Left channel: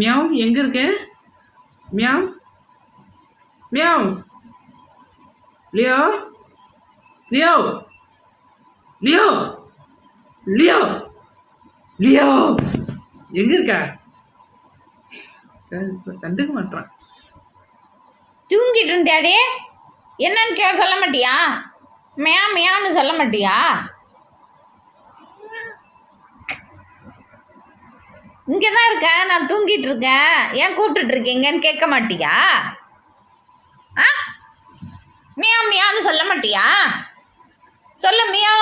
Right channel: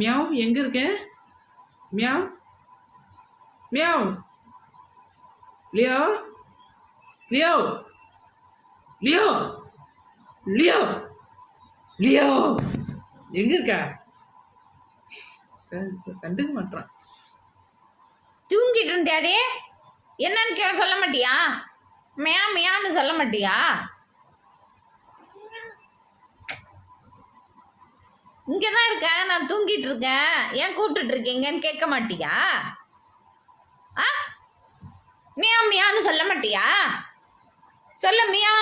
Meow எங்க இருக்க? Meow meow. Leo Leo Leo Leo Leo எங்க இருக்க? கண்டுக்க மாட்டான். தூங்கிட்டு இருந்தாடே, என்னன்னு சொல்ல மாட்டியா? மியா மியான்னு சொல்ல மாட்டியா? இங்கே தான் இருக்கேன், நான் தூங்கிட்டு இருக்கேன், ஏன் கூப்பிட்டுட்டு இருக்கீங்கன்னு கேட்க மாட்டியா? ஆ, மியா மியான்னு சொல்ல மாட்டியா? சொல்ல மியா,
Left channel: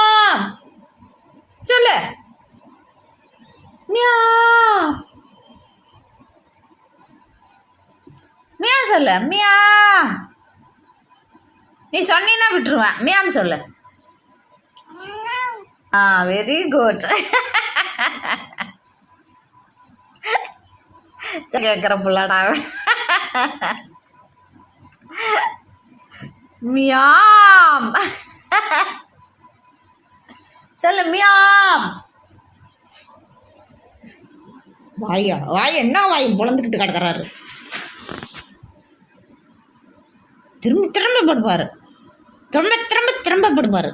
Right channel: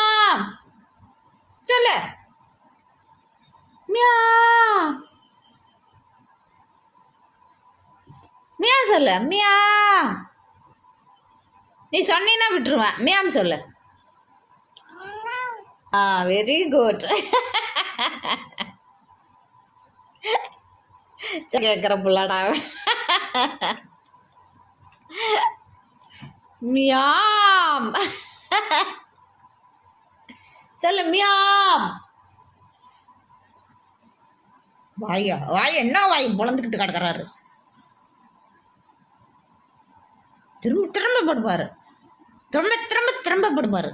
சொல்லு மியா மியா, சொல்லு மியா. நீ சொன்னீன்னா விட்டுருவேன். மியாம் சொல்லு. Very good. கேட்குற பிள்ளாடா. மியாம் சொல்லு மியாம். வாயா வாய், என்ன வாய் பொழந்துக்கிட்டு கிடக்குறாரு. திரும்ப திரும்ப படுப்பாரு, திரும்ப திரும்ப திரும்ப படுப்பாரு.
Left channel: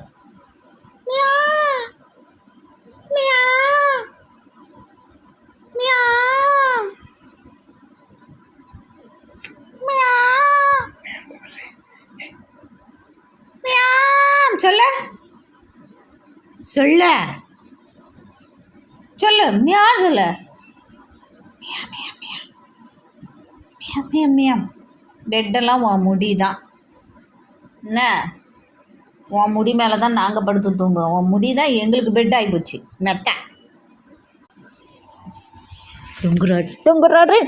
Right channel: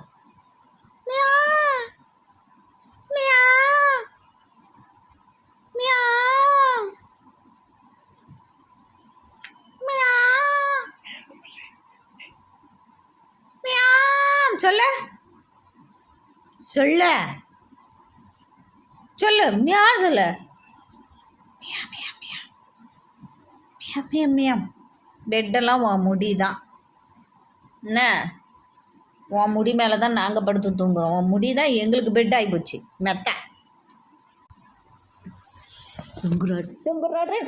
சொல்ல சொல்ல சொல்லு மியா, சொல்லு மியா மியா மியா மியா மியா மியா. பெட்டெல்லாம் உன் முடி தான் என்ன? உன் முடி மேலே தான் நாங்கள் படுத்து தூங்குறோம். உன் முடி தான் எங்களுக்கு பெட் ஆகி போச்சு. மெத்த தூங்குறாரு தூங்குறாரு.